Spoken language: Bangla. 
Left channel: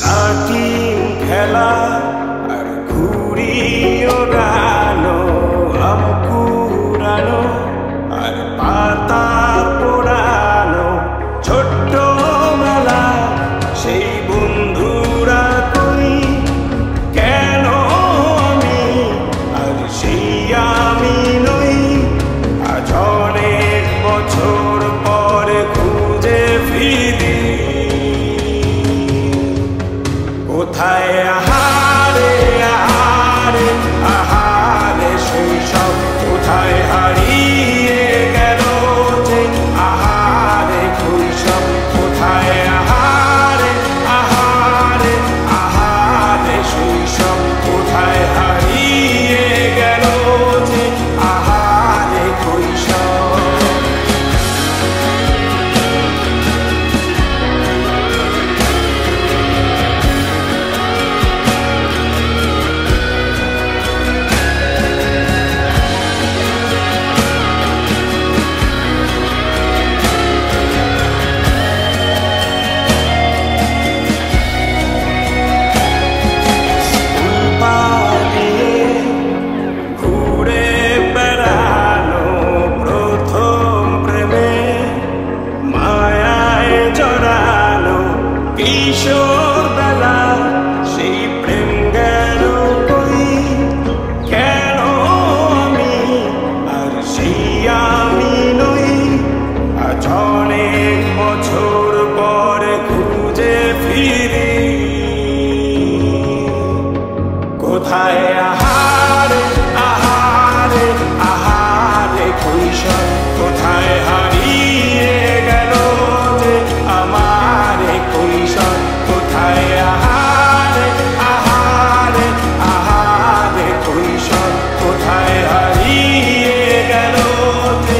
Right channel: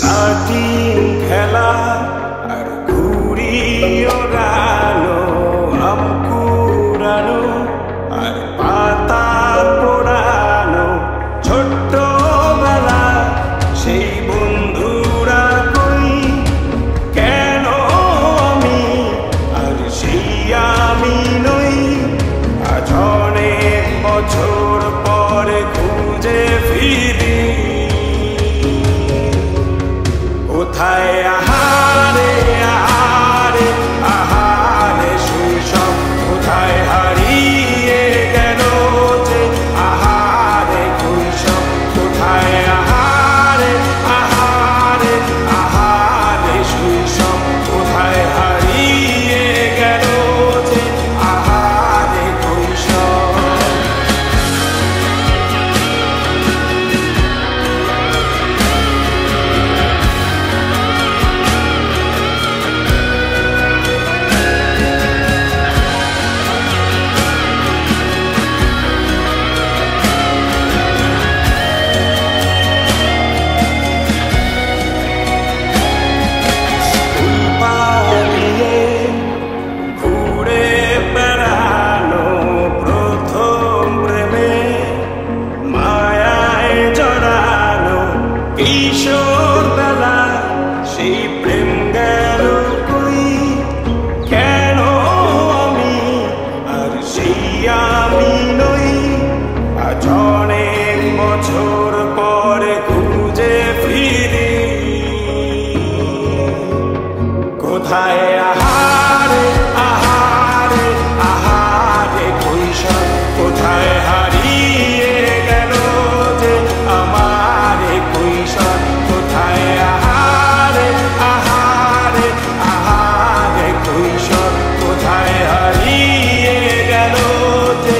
লাঠিম খেলা আর ঘুড়ি ওড়ানো, আম কুড়ানো আর পাতা পোড়ানো, ছোট্টবেলা সেই বন্ধুরা কই, কেন আমি আর সেই আমি নই। আজ অনেক বছর পরে খুঁজে ফিরি, কোথায় আহারে আহারে আহারে শৈশব, কোথায় হারিয়ে গেল যে আহারে কৈশব, কোথায় আহারে আহারে আহারে শৈশব, কোথায় হারিয়ে গেল যে আহারে কৈশব। পালিয়ে ঘুরে বেড়ানো, প্রথম প্রেমে মায়ায় জড়ানো, কিশোর বেলা সেই প্রেম গেল কই, কেন আমি আর সেই আমি নই। আজ অনেক বছর পরে খুঁজে ফিরি, কোথায় আহারে আহারে আহারে কৈশোর, কোথায় হারিয়ে গেল যে আমারে কৈশোর, কোথায় আহারে আহারে আহারে কৈশোর, কোথায় হারিয়ে গেল যে